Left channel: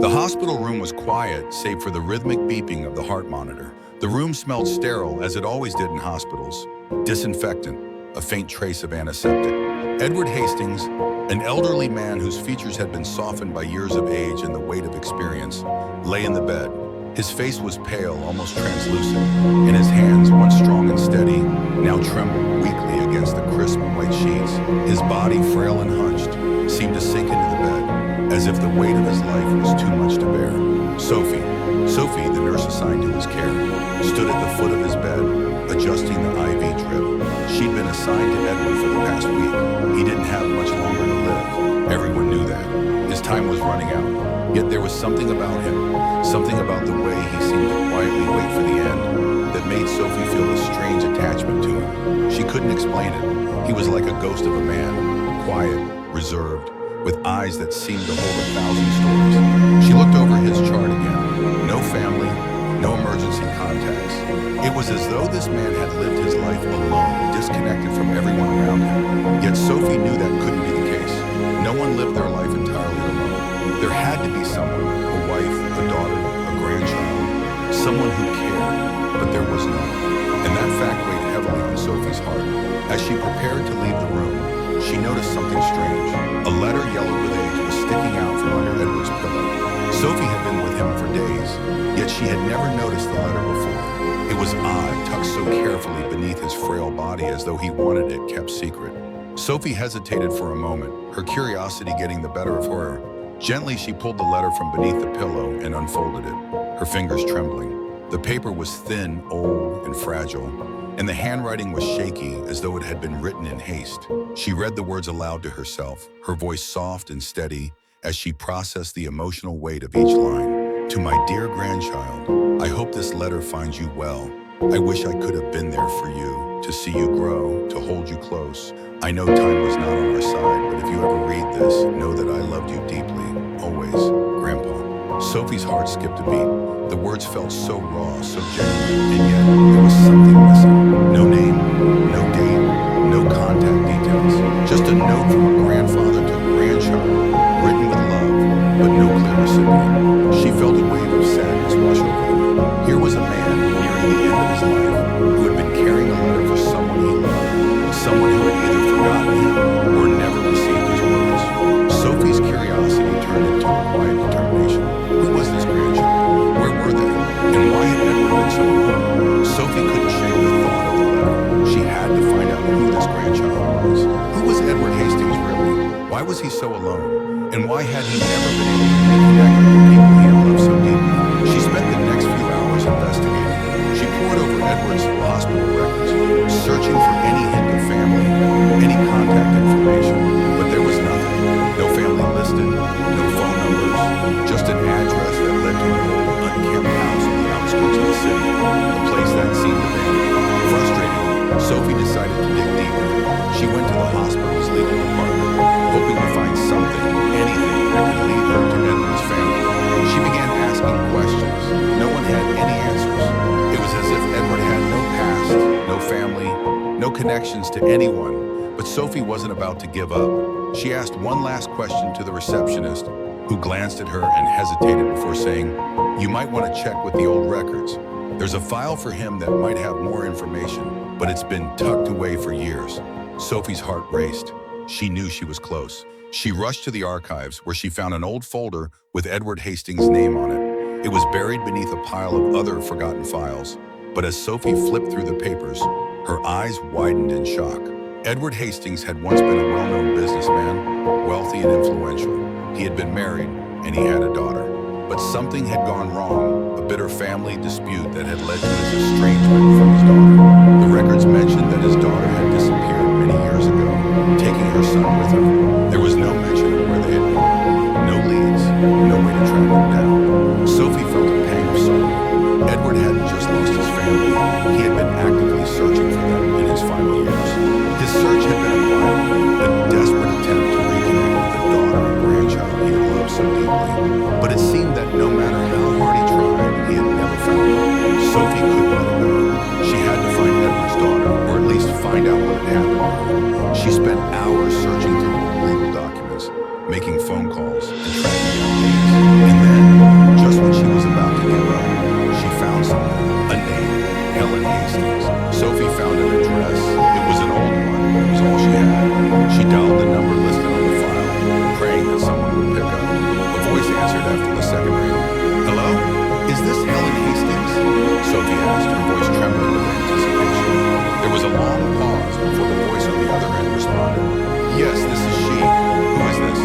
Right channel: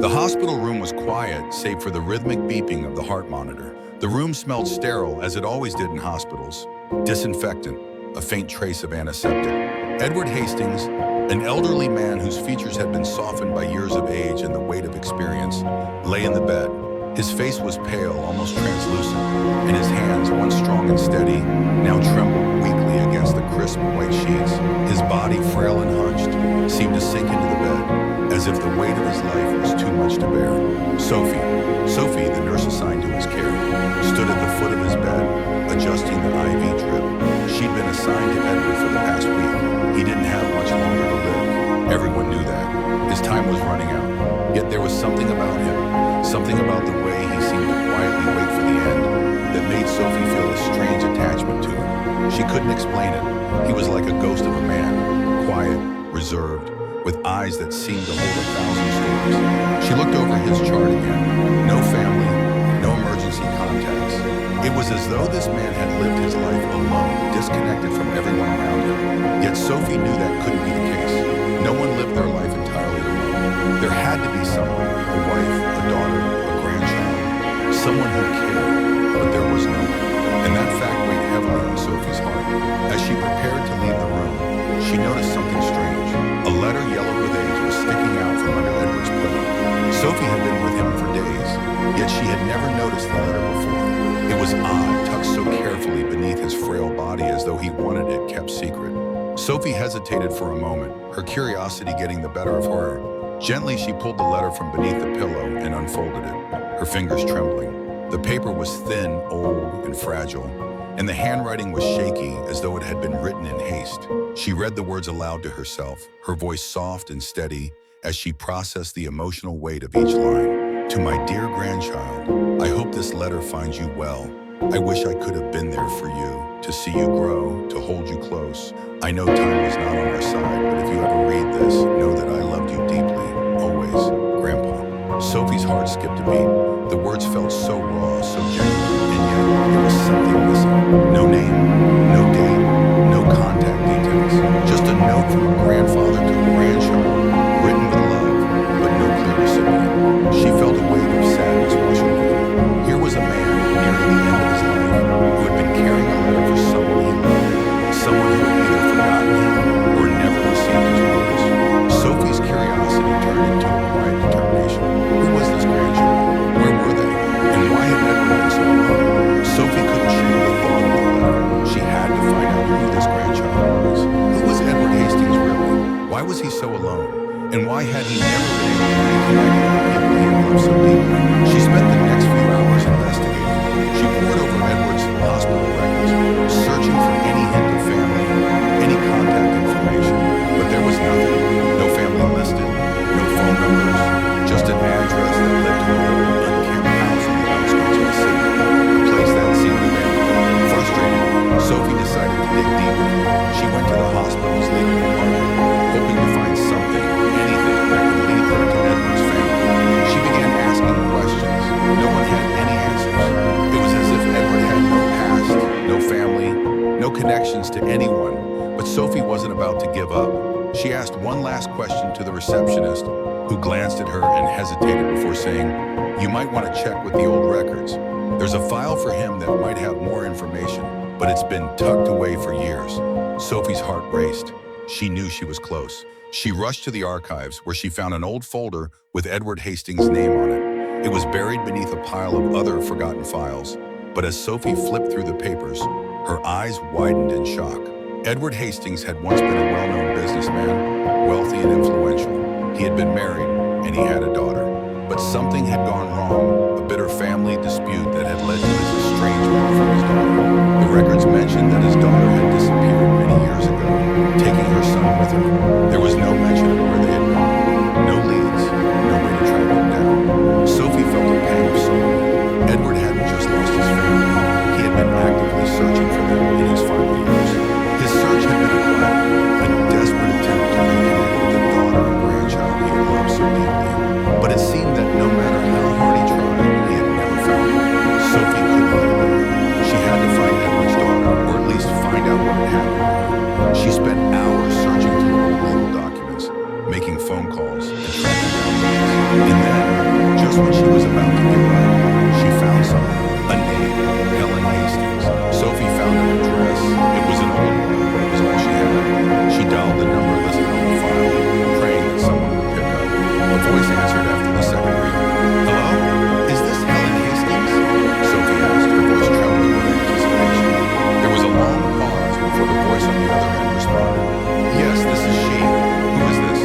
The hospital room was quiet, save for the rhythmic beeping of the heart monitor. The room smelled sterile, as it always did in hospitals. Disinfectant, a faint trace of antiseptic. Edward Hastings, an elderly man whose features had been softened by years of age and the weight of experience, lay in the bed. His face was pale, almost translucent, and his hands, once strong and steady, now trembled weakly against the crisp white sheets. His body, frail and hunched, seemed to sink into the bed, as if the weight of his life was too much to bear. Sophie, the nurse assigned to his care, stood at the foot of his bed, adjusting the IV drip. She'd been assigned to Edward for the past week. He didn't have much longer to live. Everyone knew that. His time was running out. Yet there was something about him, something about the way he seemed to quietly wait for the end, that made Sophie feel a strange attachment to him. She couldn't explain it. He was like a ghost of a man, quiet, reserved, with eyes that seemed to hold 1,000 stories. She looked over his chart again. No family, no emergency contacts. It was as though this man had lived his life alone, disconnected from everyone around him. Yet Sophie knew that couldn't be the case. No one lived their life entirely alone. There had to be someone, a wife, a daughter, a grandchild, someone who cared, but there was no one. And that fact weighed heavily on Sophie's heart. As she prepared to leave the room, she noticed something strange. A letter yellowed with age was sticking out from under Edward's pillow. Sophie had been with him for days, yet she had never noticed the letter before. It was odd, tucked so carefully beneath his frail body as though he wanted it kept secret. Sophie hesitated for a moment, her curiosity getting the better of her. Gently, she pulled the letter from beneath the pillow and unfolded it, her fingers trembling. The paper was thin, old, and fragile, and the handwriting was shaky as though it had been written in haste. She read the words aloud to herself, her voice soft and steady as she processed the emotional weight of each line. To my dear grandchild, I hope this letter finds you well. I wish I could have been there for you, to see you grow, to hold you close. I know time was not on our side, but if you ever read this, know that I loved you deeply, always, Grandpa. Sophie's heart skipped a beat. The words felt so raw, so genuine, and yet there was something missing. No name, no date, no contact details. Just a note from a grandfather to a grandchild, written with love, but no clear recipient. She felt a wave of sadness wash over her. Here was a man nearing the end of his life who had been carrying a letter for someone he loved, someone who had either forgotten him or never received his words. Sophie's curiosity turned into a quiet determination. Who was this grandchild? Where were they? And why had Edward been so alone? Sophie couldn't shake the thought of the letter. She had to find out who this grandchild was. Who was Edward Hastings really? Why was he so alone? And why had he never been able to reconnect with the people he had loved so deeply? She spent the next few hours investigating. She pored over Edward's hospital records, searching for any hint of family, any contact information. But there was nothing. No family listed, no phone numbers, just an address that led to an old unkempt house on the outskirts of the city, a place that seemed abandoned. Frustrated, Sophie decided to dig deeper. She went to the hospital's legal department, hoping to find something, anything that could lead her to Edward's family. She began asking questions. No one had any answers. It was as if Edward had no past, no family, no connections to anyone. But Sophie wasn't about to give up. She asked one last question to the receptionist, who glanced at her and hesitated before saying, "You might want to check with the old records. There's a file for him that might have more information, but it's been tucked away for years." Sophie's heart raced. She knew she was close. She rushed to the archives, where she found an old folder with Edward Hastings' name on it. It was buried beneath a pile of other forgotten files. But as Sophie flipped through the papers, her eyes widened in shock. Edward Hastings had once been a well-known businessman, wealthy and influential. He had been married, and he had a daughter. But something had gone wrong, a bitter family dispute that had led to his estrangement from his daughter. The records mentioned that his daughter had disappeared many years ago, taking her son with her. There was no mention of where they had gone, no leads, no way to track them down. Sophie felt a pang of sorrow. Edward hadn't just lost his family, he had been actively searching for them in his final years. His search had been a quiet, a desperate attempt to reconnect with the daughter and grandchild he had loved so deeply. But it seemed that no matter how hard he tried, he had never found her. Sophie couldn't let it go. She had to find Edward's daughter, or at least find out what had happened to her. She spent hours searching through old legal documents, making phone calls and tracking down leads. And then, asked, her voice trembling with anticipation. There was a long pause before the voice on the other end responded. Yes, this is she. Who is this?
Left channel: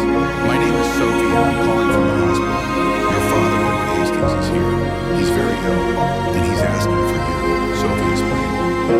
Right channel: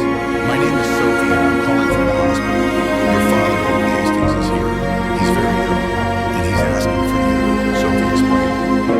My name is Sophie and I'm calling from the hospital. Your father, Edward Hastings, is here. He's very ill, and he's asking for you, Sophie explained,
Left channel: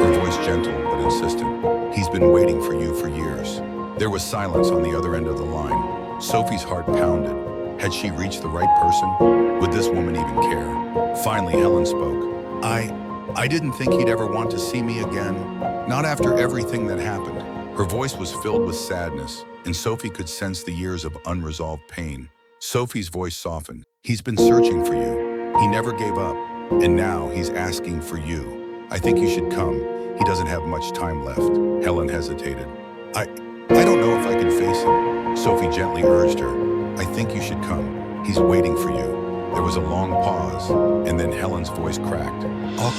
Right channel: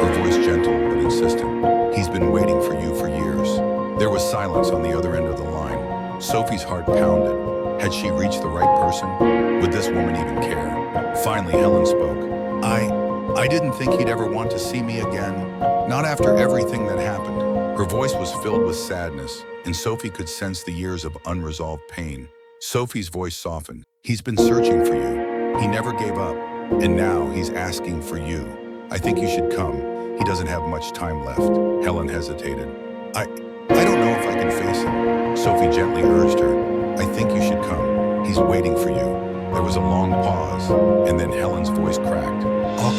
her voice gentle but insistent. He's been waiting for you for years. There was silence on the other end of the line. Sophie's heart pounded. Had she reached the right person? Would this woman even care? Finally, Helen spoke. I didn't think he'd ever want to see me again. Not after everything that happened. Her voice was filled with sadness, and Sophie could sense the years of unresolved pain. Sophie's voice softened. He's been searching for you. He never gave up, and now he's asking for you. I think you should come. He doesn't have much time left. Helen hesitated. I don't know if I can face him. Sophie gently urged her. I think you should come. He's waiting for you. There was a long pause, and then Helen's voice cracked. I'll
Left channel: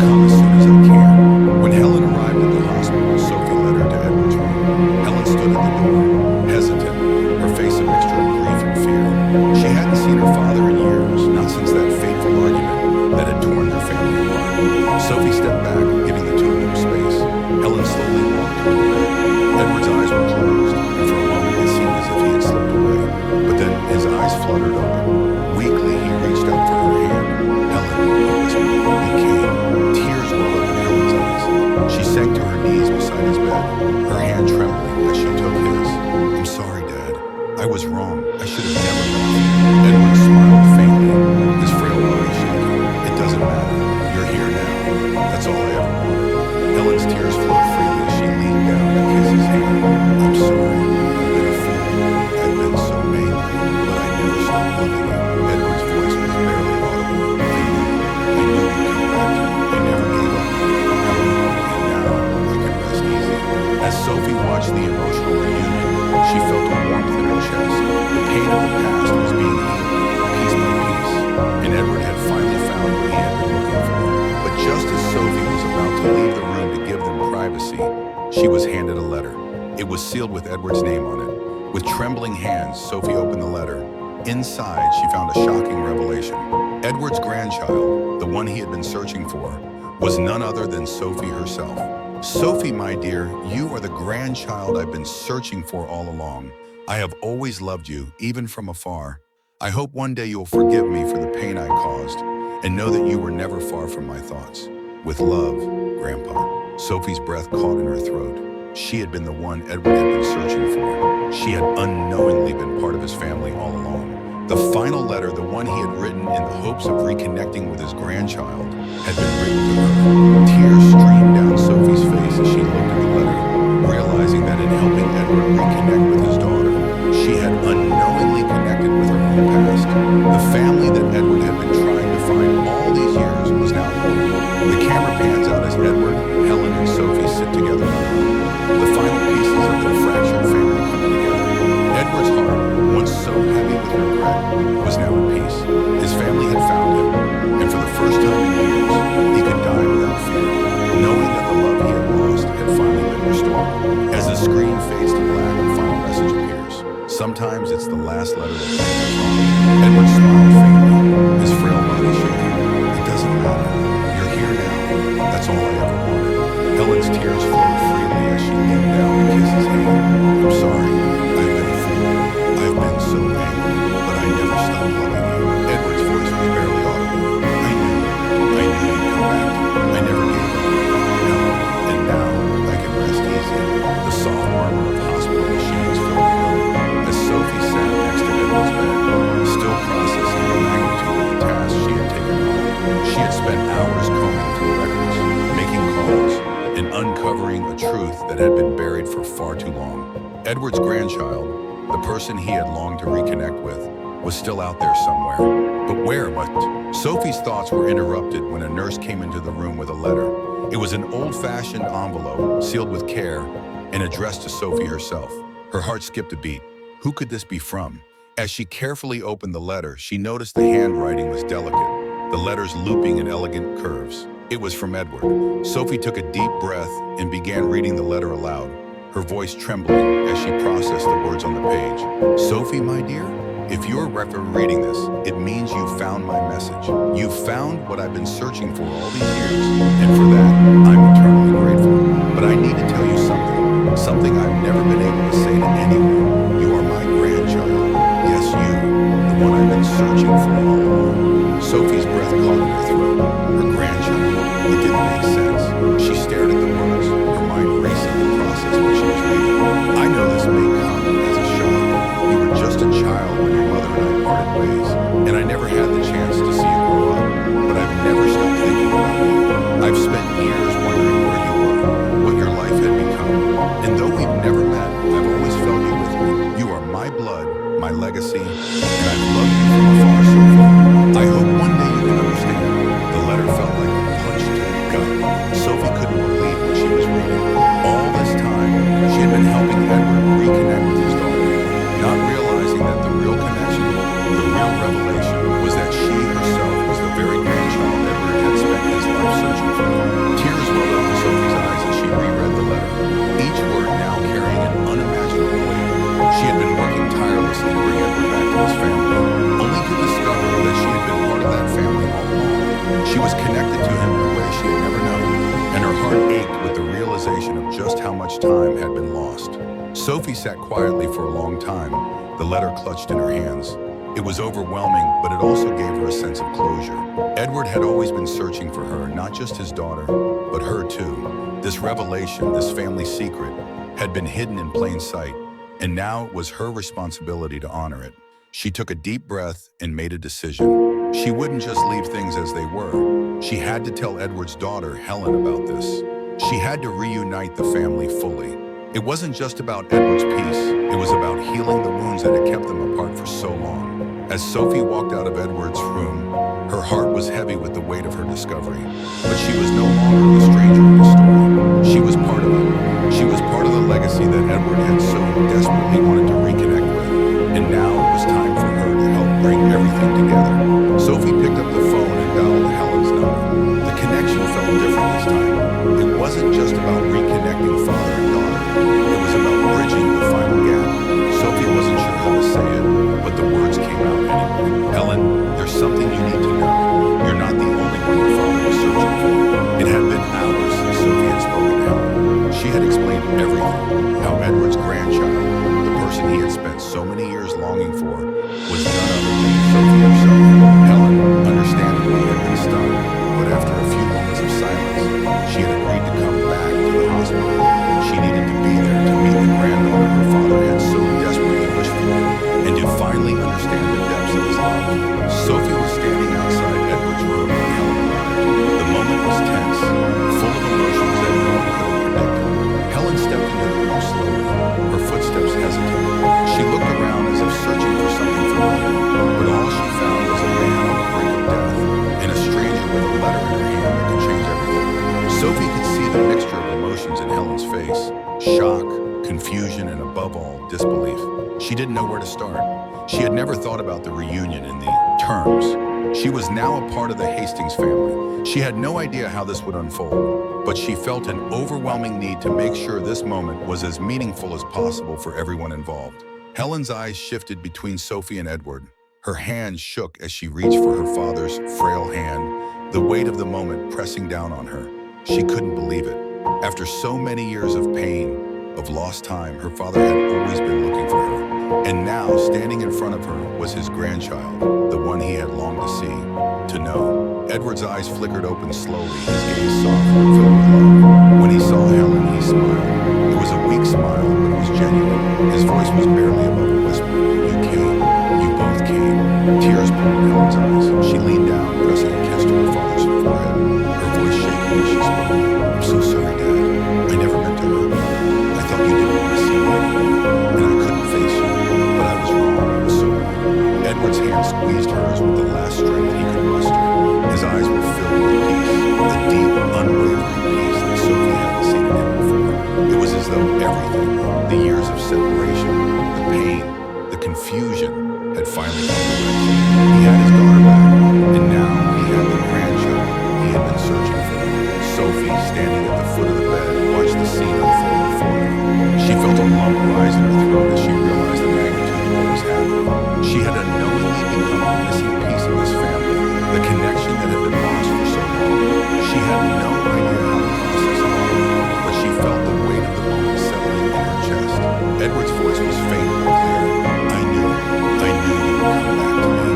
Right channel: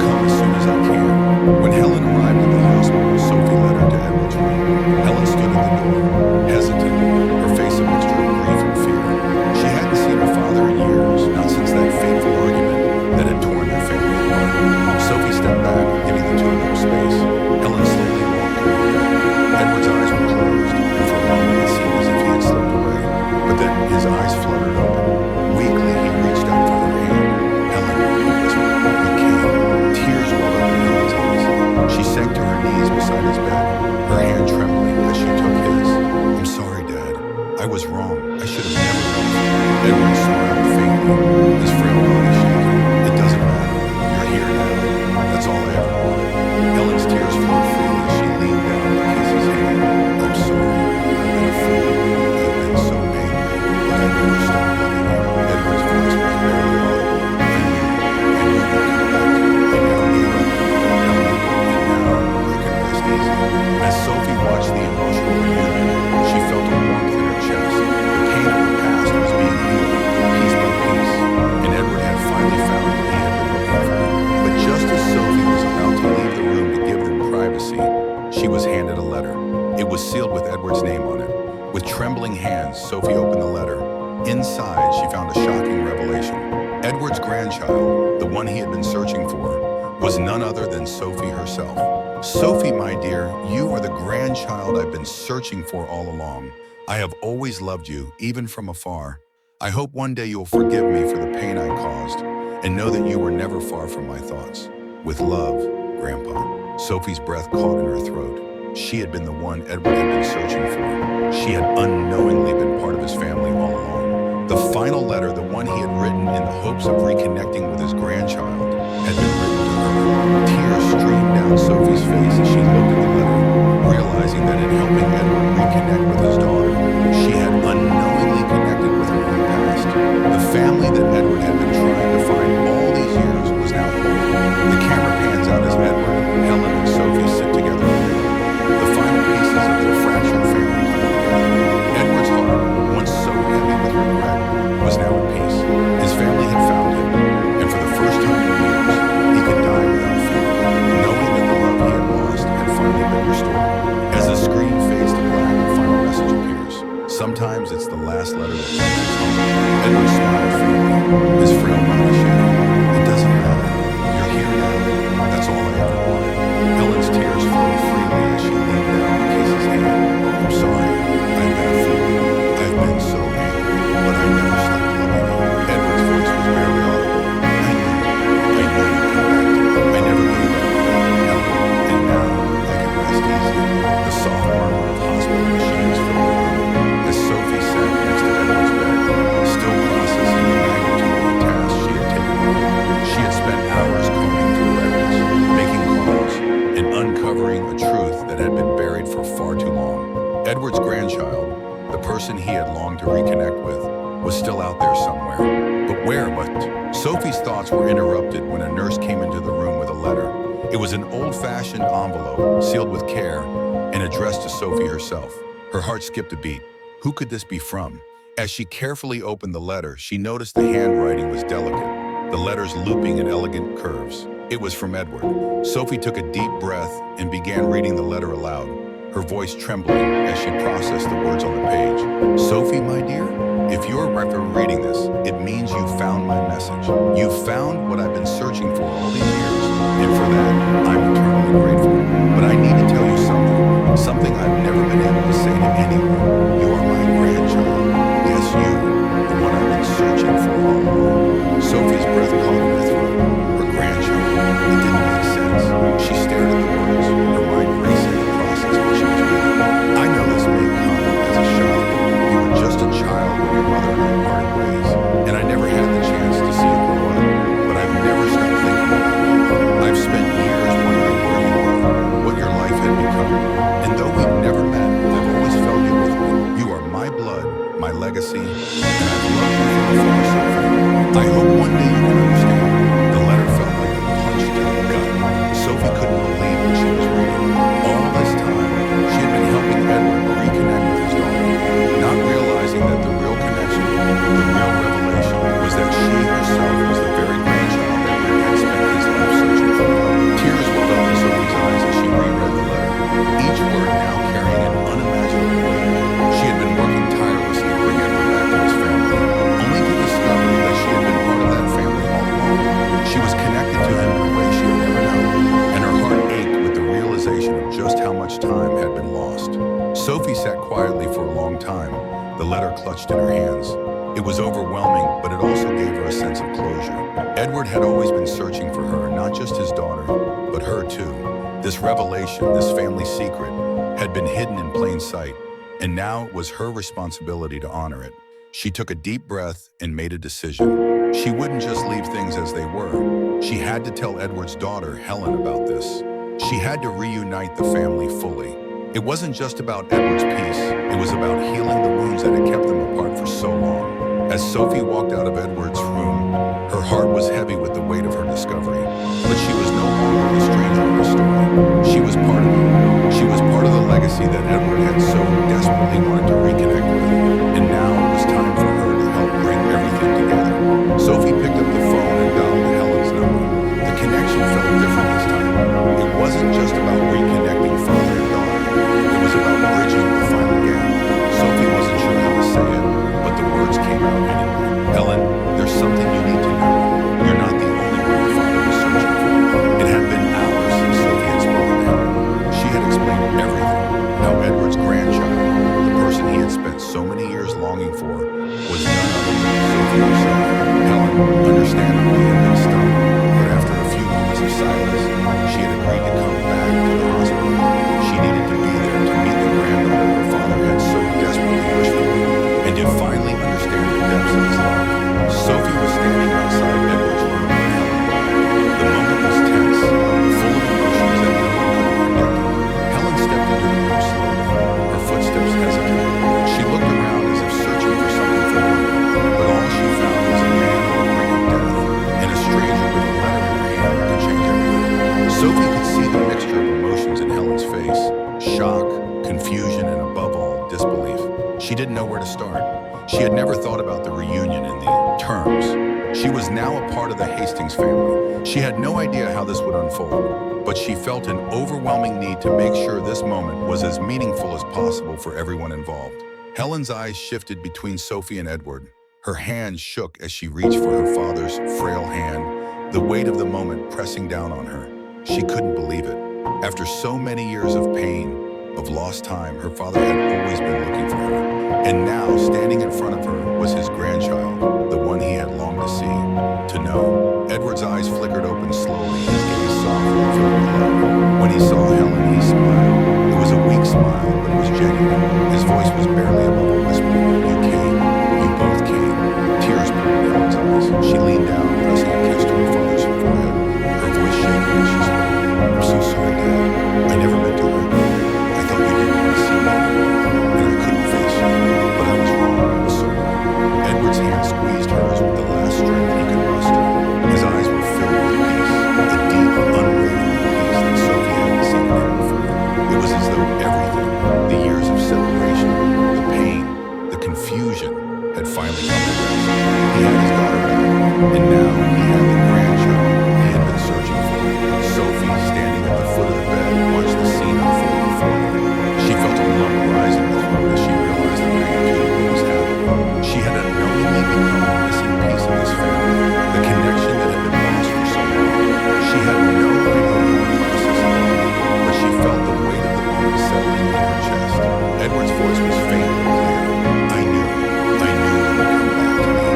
come as soon as I can. When Helen arrived at the hospital, Sophie led her to Edward's room. Helen stood at the door, hesitant, her face a mixture of grief and fear. She hadn't seen her father in years, not since that fateful argument that had torn their family apart. Sophie stepped back, giving the two of them space. Helen slowly walked toward the bed. Edward's eyes were closed, and for a moment it seemed as if he had slipped away. But then his eyes fluttered open. Weakly, he reached out for her hand. Helen, he whispered, you came. Tears welled up in Helen's eyes. She sank to her knees beside his bed, her hand trembling as she took his. I'm sorry, Dad. I was wrong. I should have never left. Edward smiled faintly, his frail body shaking. It doesn't matter. You're here now. That's all I ever wanted. Helen's tears flowed freely as she leaned down to kiss his hand. I'm sorry. I've been a fool. I've been so angry, but I never stopped loving you. Edward's voice was barely audible. I knew you'd come back. I never gave up, Helen, and now I can rest easy. As Sophie watched the emotional reunion, she felt a warmth in her chest. The pain of the past was being healed, piece by piece, and Edward had finally found what he had been looking for. But just as Sophie was about to leave the room to give them privacy, she was handed a letter. It was sealed with Edward's name on it. With trembling hands, Sophie opened the letter. Inside, she found a shocking revelation. Edward's grandchild, the one he had been searching for, was none other than Sophie herself. Sophie, my dear, you are the grandchild I've been searching for all along. I have always loved you, even from afar. I hope one day you'll forgive me for the pain I caused, and know that you were never far from my thoughts. With love, Grandpa. Sophie's breath caught in her throat. She had been the one Edward had been searching for. She had unknowingly been part of his family all along. The final letter, the one he had written in the hopes of reconnecting with his grandchild, had been written to her. Tears streamed down Sophie's face as she looked at the letter, realizing that in helping Edward reconnect with his daughter, she had unknowingly connected with her own past. The family that Edward had been trying to find all these years was now whole. The camera pans out as Edward, Helen, and Sophie sit together in the room. The final pieces of their fractured family coming together. Edward's heart, once so heavy with regret, was now at peace. His family had found him, and for the first time in years, he could die without fear, knowing that the love he had lost had finally been restored. As the screen fades to black, the final message appears. Sometimes it's the last letter that brings us home. Edward smiled faintly, his frail body shaking. It doesn't matter. You're here now. That's all I ever wanted. Helen's tears flowed freely as she leaned down to kiss his hand. I'm sorry. I've been a fool. I've been so angry, but I never stopped loving you. Edward's voice was barely audible. I knew you'd come back. I never gave up, Helen, and now I can rest easy. The soft murmur of hospital machines filled the room as Sophie sat next to Edward's bed, still processing the magnitude of the task she had taken on. She had spent hours combing through records, making calls, and uncovering a truth that had been buried for far too long. Edward's grandchild, the person he had longed to reconnect with, was still out there somewhere. But where? But Sophie's thoughts were interrupted when a nurse came into the room with a letter. It was an old-fashioned envelope, sealed with care, and addressed to Sophie herself. Her heart skipped a beat. Who could this be from? As she carefully opened the letter, she noticed the handwriting was delicate, the letters looping in elegant curves. It was from Edward. Sophie took a deep breath and began reading the letter aloud, her voice trembling as she processed the words on the page. Sophie, my dear, If you're reading this, it means you found my message. You found what I've been searching for all these years, and for that, I'm eternally grateful. But I need to tell you something I've never been able to say to anyone. You are my grandchild. Yes, you, the one I've been searching for all along. Sophie's breath caught in her throat. Her grandchild. It didn't make sense. She stared at the words, her mind racing the process what she was reading. I know this may come as a shock. You were just a child when your mother and I parted ways, and I never had the chance to see you grow up. But I've never stopped thinking about you. I've spent years wondering where you were, what your life had become. And though we've never met, I've always felt you with me. You are my blood, my legacy, and I've loved you from afar, Sophie. I hope one day you can understand. The letter felt like a punch to the gut. Sophie couldn't believe what she was reading. All this time, she had been helping Edward reconnect with his daughter, not realizing that the real connection, the real revelation, was that she herself was the very grandchild Edward had spent his life searching for. Tears welled up in Sophie's eyes as she reread the letter, each word now carrying an unimaginable weight. She had been working tirelessly to bring Edward back to his family, only to discover that she had been part of that family all along. She was connected to him in a way she had never known, and her heart ached with the realization of just how much time had been lost. Sophie sat quietly for a long time, the letter clutched in her hands. It was overwhelming, but it also gave her a sense of closure. Edward had always been searching for her, not just his daughter, but her too. This revelation, this family secret, had been hidden in plain sight, and now it was her responsibility to honor it. She took a deep breath and made a decision. She wouldn't just leave things as they were. She had to tell Edward's daughter, Helen, about this. She had to reunite the family fully. It wasn't just about Edward's peace, it was about healing the wounds that had kept them apart for so long. As Sophie walked out of Edward's room, her heart was heavy with the weight of her discovery. But she was no longer the stranger in the story. She was part of it. She was part of the legacy that Edward had so desperately wanted to reconnect with. And now it was time for her to help bring everything together. Sophie picked up the phone and dialed Helen's number. The connection felt different this time. It wasn't just about reconnecting father and daughter. It was about bridging the final gap. Sophie wasn't sure how to say it, but the words came out anyway. Helen, there's something you need to know. You're not the only one your father was searching for. It had been hours since Sophie had spoken to Helen. She had explained everything, how Edward's grandchild, the person he had spent so many years longing for, was none other than Sophie herself. Helen, understandably, had been stunned, but after a few moments of silence, she had agreed to come back to the hospital. She needed to be there to meet the granddaughter her father had so desperately wished for, and to finally understand the depths of his love. Sophie was standing outside Edward's room when Helen arrived. The moment was tense, full of emotions that no one could have predicted. Helen stepped into the room slowly, her footsteps hesitant. She looked around as if searching for something familiar, but all she found was a man on the brink of death, and a stranger with a letter in her hand that could change everything. Sophie could see the mixture of emotions in Helen's face: shock, confusion, and above all, disbelief. She didn't know where to start. She had never thought about the reunion in the terms. She was now a part of the Hastings family. She had no idea how this would unfold, but she felt an overwhelming need to make sure this moment was as meaningful as possible for everyone involved. Helen's eyes shifted between Sophie and Edward. Her hand shook as she reached for her father's frail hand, the weight of the moment pressing down on her. She couldn't believe it. After so many years of pain, of lost time, her father had always been looking for her. And now, standing in front of her, was his grandchild, the one he had longed to see, to know. Edward's eyes flickered open slowly, his gaze soft and filled with love. When he saw Helen, he smiled. It was a weak smile, but it was genuine. His voice was barely above a whisper. You came. You both came. Tears poured in Helen's eyes. She leaned down, pressing a kiss to her father's forehead, her voice shaking as she spoke. I'm so sorry, Dad. I never meant to hurt you. I thought you didn't want to see me anymore, and I couldn't face you. But I was wrong. I was so wrong. Edward's hand squeezed hers with the last strength he could muster. His eyes were filled with peace, a deep, unwavering peace that Sophie hadn't seen in him before. It was as though everything, the years of separation, the pain, the confusion, had finally come to rest. He had his daughter back, and now he had the grandchild he had been searching for. Sophie, standing at the foot of the bed, watched the scene unfold before her. She felt a lump rise in her throat as she realized the magnitude of what was happening. She had Edward's voice was faint but clear. I knew you would come back to me,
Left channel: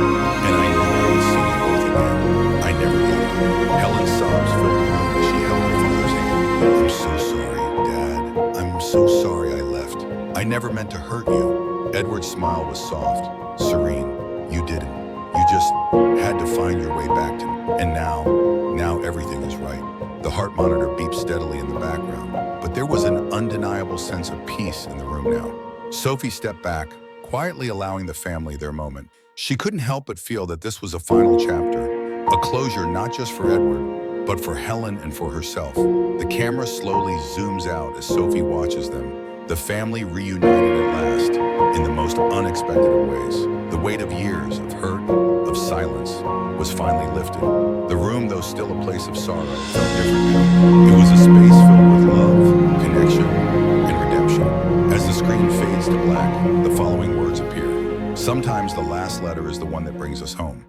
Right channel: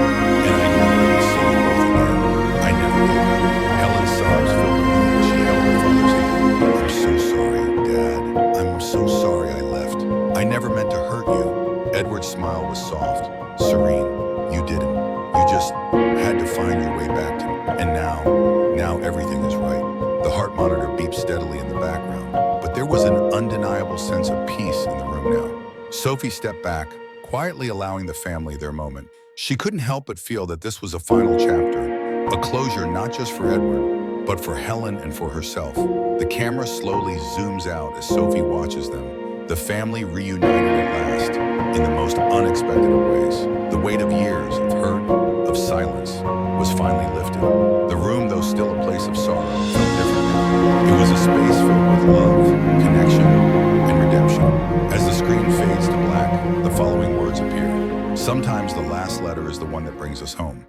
and I knew I would see you both again. I never gave up. Helen's sobs filled the room as she held her father's hand. I'm so sorry, Dad. I'm so sorry I left. I never meant to hurt you. Edward's smile was soft, serene. You didn't. You just had to find your way back to me. And now everything is right. The heart monitor beeped steadily in the background, but there was an undeniable sense of peace in the room now. Sophie stepped back, quietly allowing the family their moment. She couldn't help but feel that this was a final chapter, a closure not just for Edward, but for Helen and for herself. The camera slowly zooms out as Sophie watches them, the family reunited at last in the most unexpected of ways. The weight of years of hurt, of silence, was finally lifted. The room, though still a place of sorrow, felt different now. It was a space filled with love, connection, and redemption. As the screen fades to black, the following words appear. Sometimes the last letter is the one that brings us home.